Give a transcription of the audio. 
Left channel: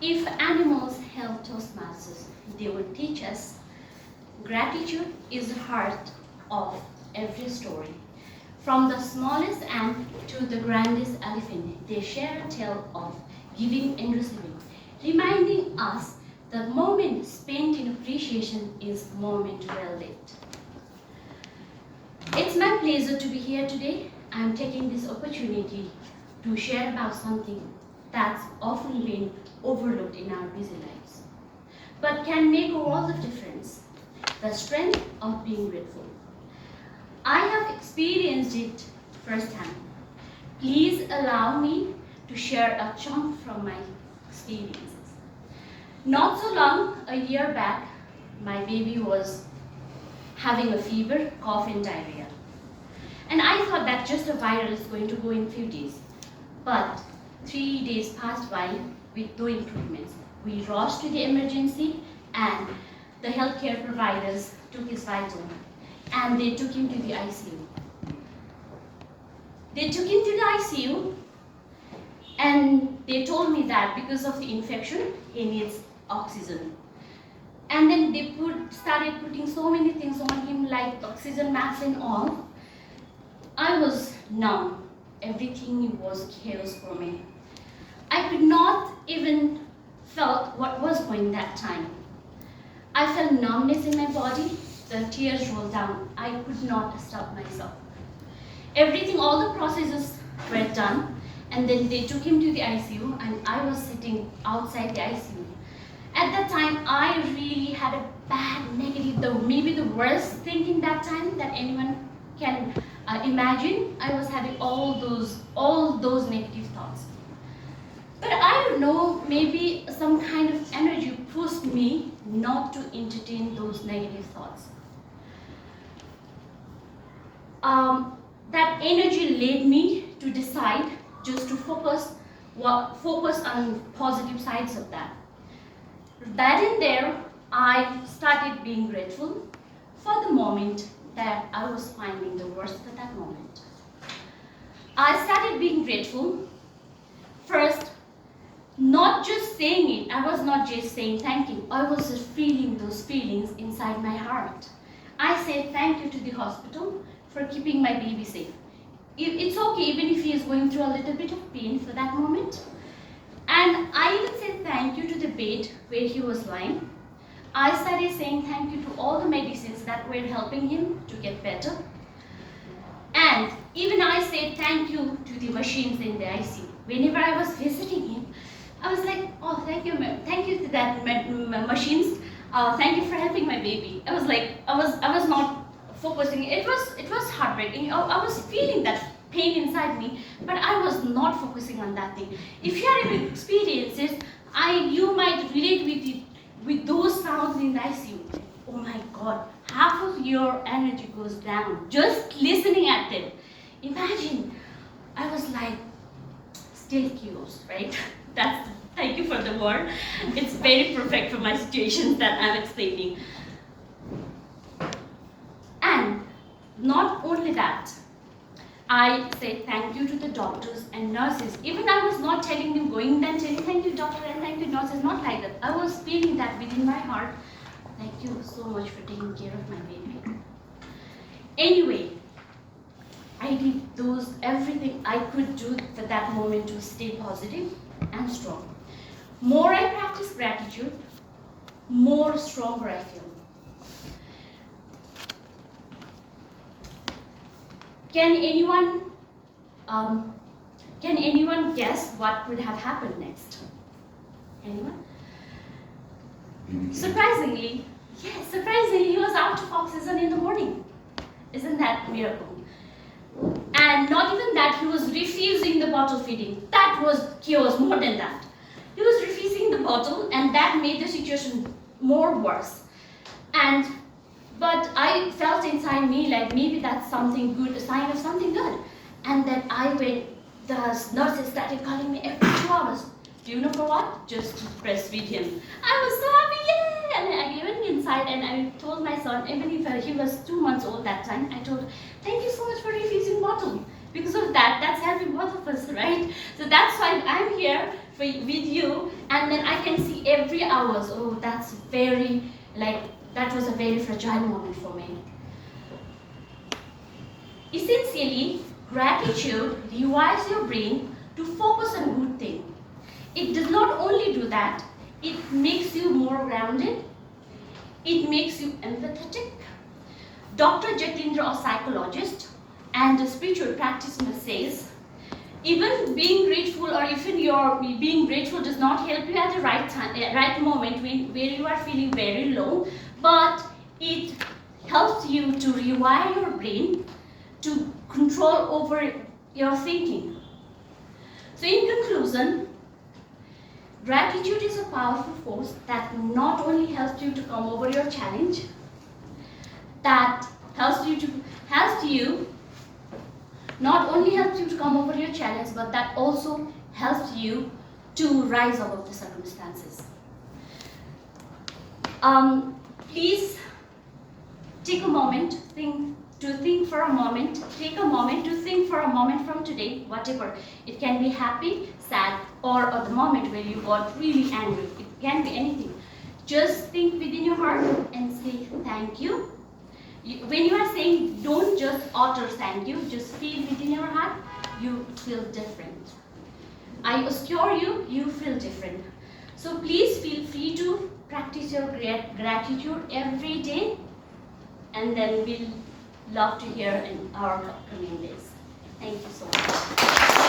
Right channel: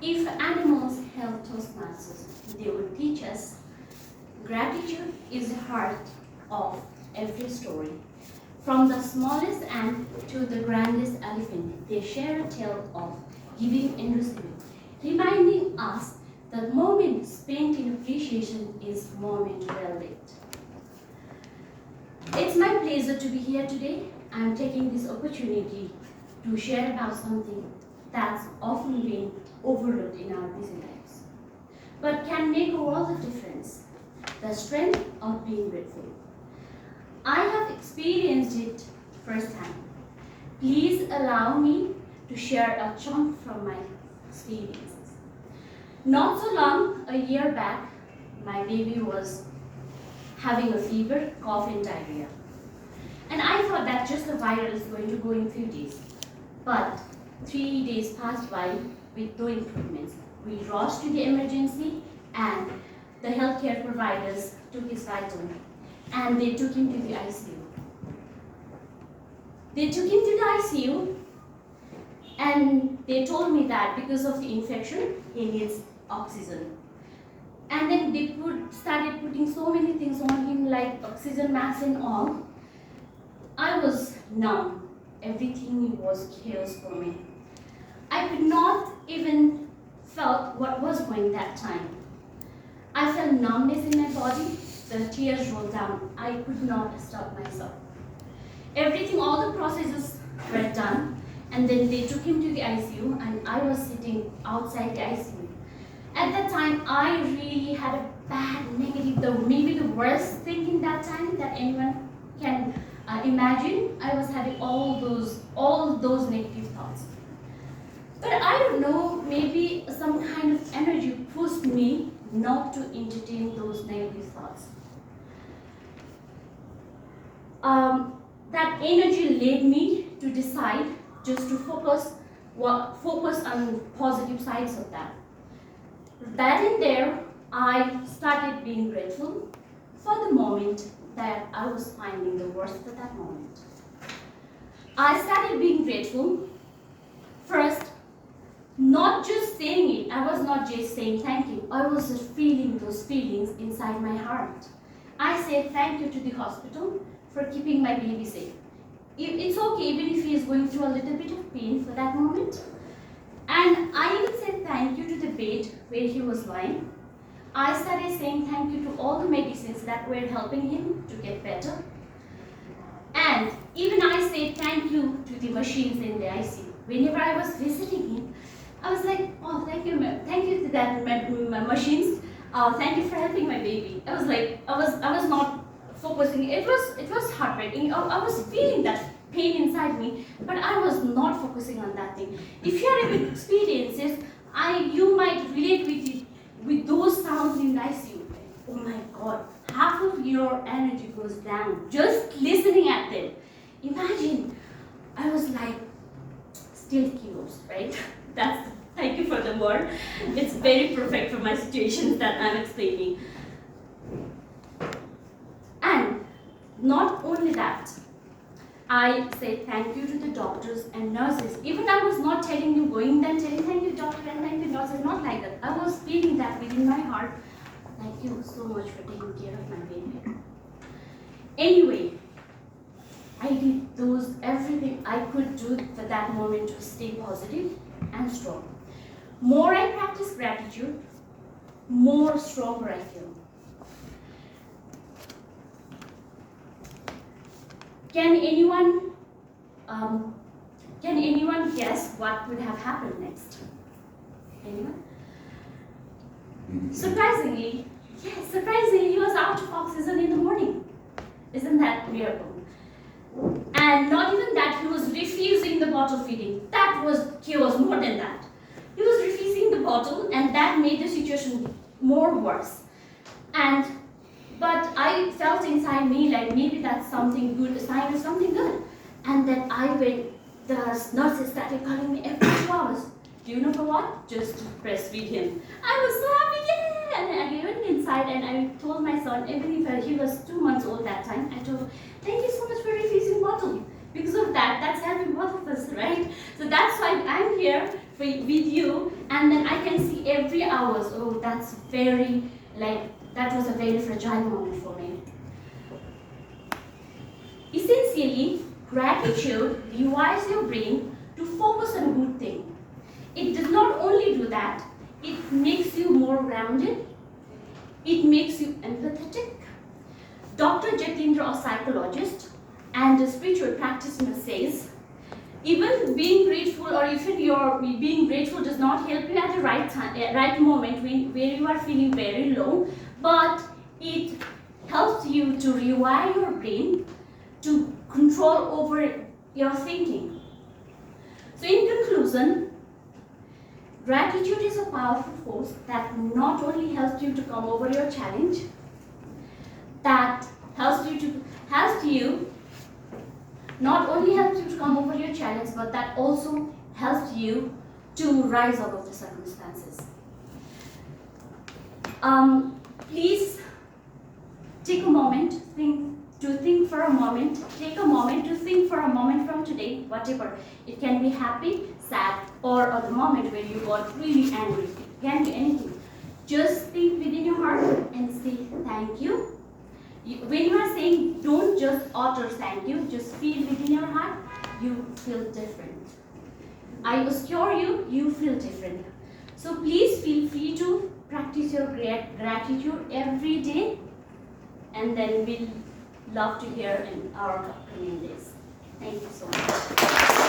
If animals held Toastmasters, they would teach us gratitude is the heart of every story. From the smallest ant to the grandest elephant, they share a tale of giving and receiving, reminding us that moment spent in appreciation is moment well lived. It's my pleasure to be here today. I'm taking this opportunity to share about something that's often been overlooked in our busy lives, but can make a world of difference: the strength of being grateful. I have experienced it firsthand. Please allow me to share a chunk from my experiences. Not so long, a year back, my baby was having a fever, cough, and diarrhea. And I thought that just a viral is going to go in a few days. But 3 days passed by with no improvements. We rushed to the emergency, and the healthcare providers took his vital, and they took him to the ICU. They took him to the ICU, and they told me that because of the infection, he needs oxygen. And then they started putting so many things on him, like oxygen masks and all. I was numb. Everything was chaos for me. I could not even felt what was going that time. I felt numbness in my body. The tears rolled down. I could not stop myself. Everything, all the processes were done, and then they took him to the ICU, and I was sitting outside the ICU. At that time, I really had a bad negative, maybe the worst thinking that time that anyone can imagine. I was having all those negative thoughts. But I don't know, maybe some kind of energy pushed me not to entertain those negative thoughts. That energy led me to decide just to focus on positive sides of that. That in there, I started being grateful for the moment that I was finding the worst at that moment. I started being grateful. First, not just saying it, I was not just saying thank you, I was just feeling those feelings inside my heart. I said thank you to the hospital for keeping my baby safe. It's okay even if he is going through a little bit of pain for that moment. And I even said thank you to the bed where he was lying. I started saying thank you to all the medicines that were helping him to get better. And even I said thank you to the machines in the ICU. Whenever I was visiting him, I was like, oh, thank you to that machines. Thank you for helping my baby. I was like, I was not focusing. It was heartbreaking. I was feeling that pain inside me, but I was not focusing on that thing. If you are having experiences, you might relate with those sounds in the ICU. Oh my God, half of your energy goes down just listening at them. Imagine, I was like, still chaos, right? Thank you for the word. It's very perfect for my situations that I'm explaining. And not only that, I said thank you to the doctors and nurses. Even I was not telling them, going then telling thank you doctor and thank you nurses, not like that. I was feeling that within my heart. Thank you so much for taking care of my baby. Anyway, I did everything I could do at that moment to stay positive and strong. More I practice gratitude, more stronger I feel. Can anyone guess what could have happened next? Anyone? Surprisingly, he was out of oxygen in the morning. Isn't that miracle? And not even that, he was refusing the bottle feeding. That was chaos more than that. He was refusing the bottle, and that made the situation more worse. But I felt inside me like maybe that's something good, a sign of something good. And then the nurses started calling me every 2 hours. Do you know for what? Just to breastfeed him. I was so happy, yeah! And I went inside and I told my son, even if he was 2 months old that time, I told him, thank you so much for refusing bottle. Because of that, that's helping both of us, right? So that's why I'm here with you, and then I can see every hours, oh, that's very, like, that was a very fragile moment for me. Essentially, gratitude rewires your brain to focus on good things. It does not only do that, it makes you more grounded, it makes you empathetic. Dr. Jatindra, a psychologist and a spiritual practitioner, says, even being grateful, or even your being grateful does not help you at the right time, right moment where you are feeling very low, but it helps you to rewire your brain to control over your thinking. So in conclusion, gratitude is a powerful force that not only helps you to come over your challenge, that helps you not only helps you to come over your challenge, but that also helps you to rise above the circumstances. Please take a moment, think for a moment. Take a moment to think for a moment from today, whatever. It can be happy, sad, or the moment where you got really angry. It can be anything. Just think within your heart and say thank you. When you are saying, don't just utter thank you, just feel within your heart, you feel different. I assure you, you feel different. So please feel free to practice your gratitude every day, and then we'll love to hear in our upcoming days. Thank you so much.